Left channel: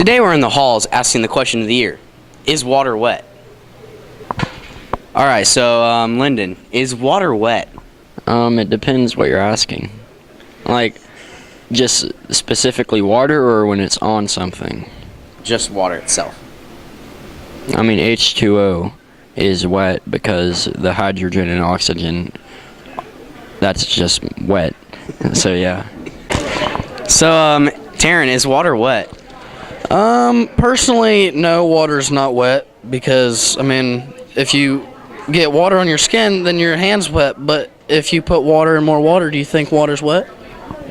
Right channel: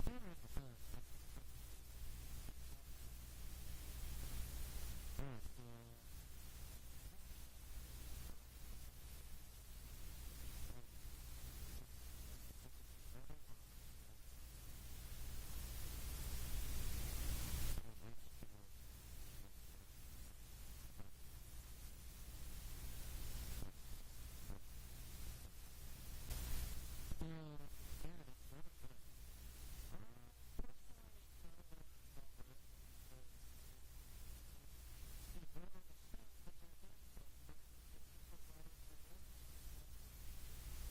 Today we're in the halls asking the question of the year. Is water wet? Alright, so Lyndon, is water wet? It depends what you're asking. Like, just specifically water or when it's on something? Just water itself. I mean, H2O is wet because the hydrogen and oxygen, that's just wet. So, yeah. So, Taryn, is water wet? Personally, no, water's not wet because, I mean, if you get water on your skin, then your hand's wet. But if you put water in more water, do you think water's wet?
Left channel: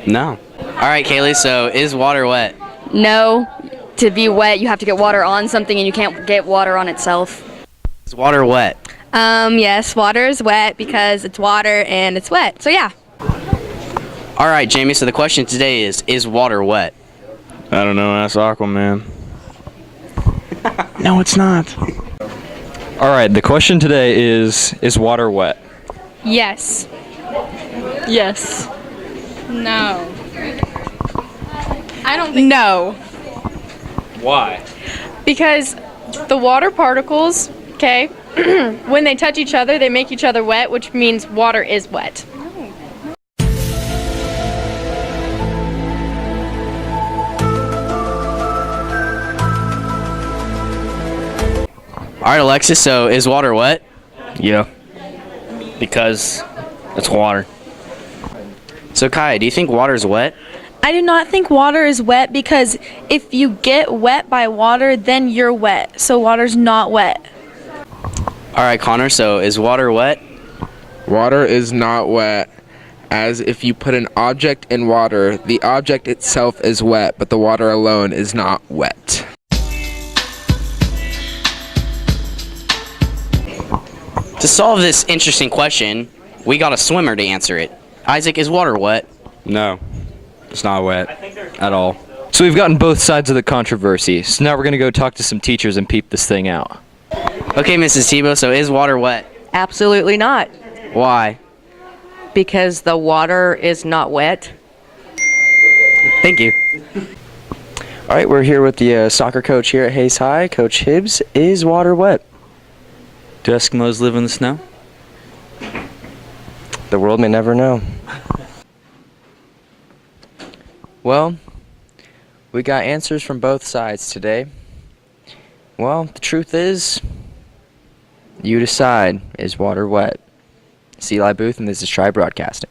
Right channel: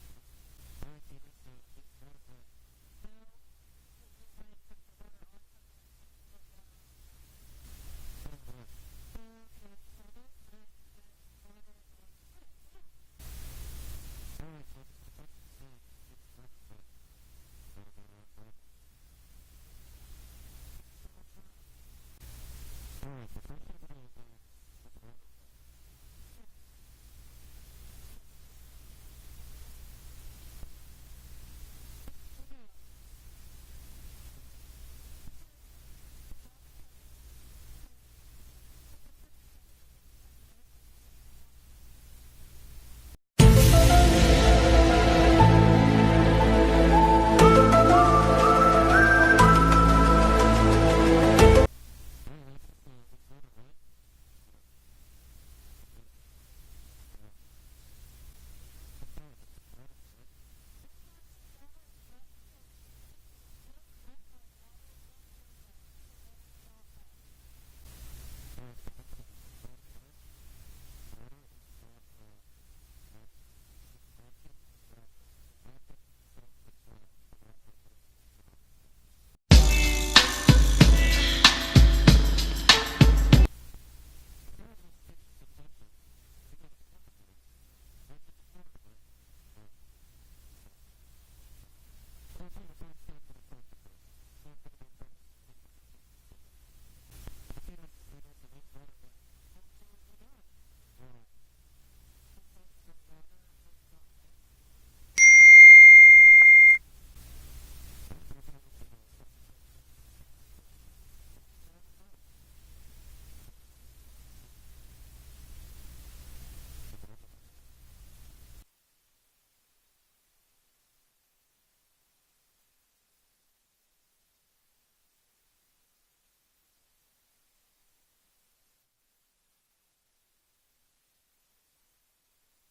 No. Alright, Kaylee, so is water wet? No. To be wet, you have to get water on something, and you can't get water on itself. Is water wet? Yes, water is wet because it's water and it's wet. So yeah. Alright, Jamie, so the question today is water wet? I don't know, ask Aquaman. No, it's not. Alright, the question today is water wet? Yes. Yes. No. I don't think no. Why? Because the water particles, okay, when they touch each other, they make each other wet, which means water is wet. Alright, Alexis, so is water wet? Yeah. Because it's water. So, Kaya, do you think water is wet? I do not think water is wet because if you get wet by water, then you're wet. So water's not wet. Alright, Connor, so is water wet? Water is not wet, as if you put an object in water, the object itself is wet, but the water alone is not wet. To solve this interesting question, we got a swimmer to answer it. Isaac, is water wet? No, it's not wet at all. So we've gotten both sides of the controversy. So now we're going to go talk to some teachers and peep this thing out. Okay, Mrs. Tebow, so is water wet? Absolutely not, Why? because the water is not wet. Thank you. All right, we're here with the soccer coach here at Hayes High, Coach Hibbs. Is water wet? Do Eskimos live in the snow? The world may never know. Well, we got answers from both sides today. Well, the truth is, you decide, is water wet? It's Eli Booth, and this is Tri Broadcasting.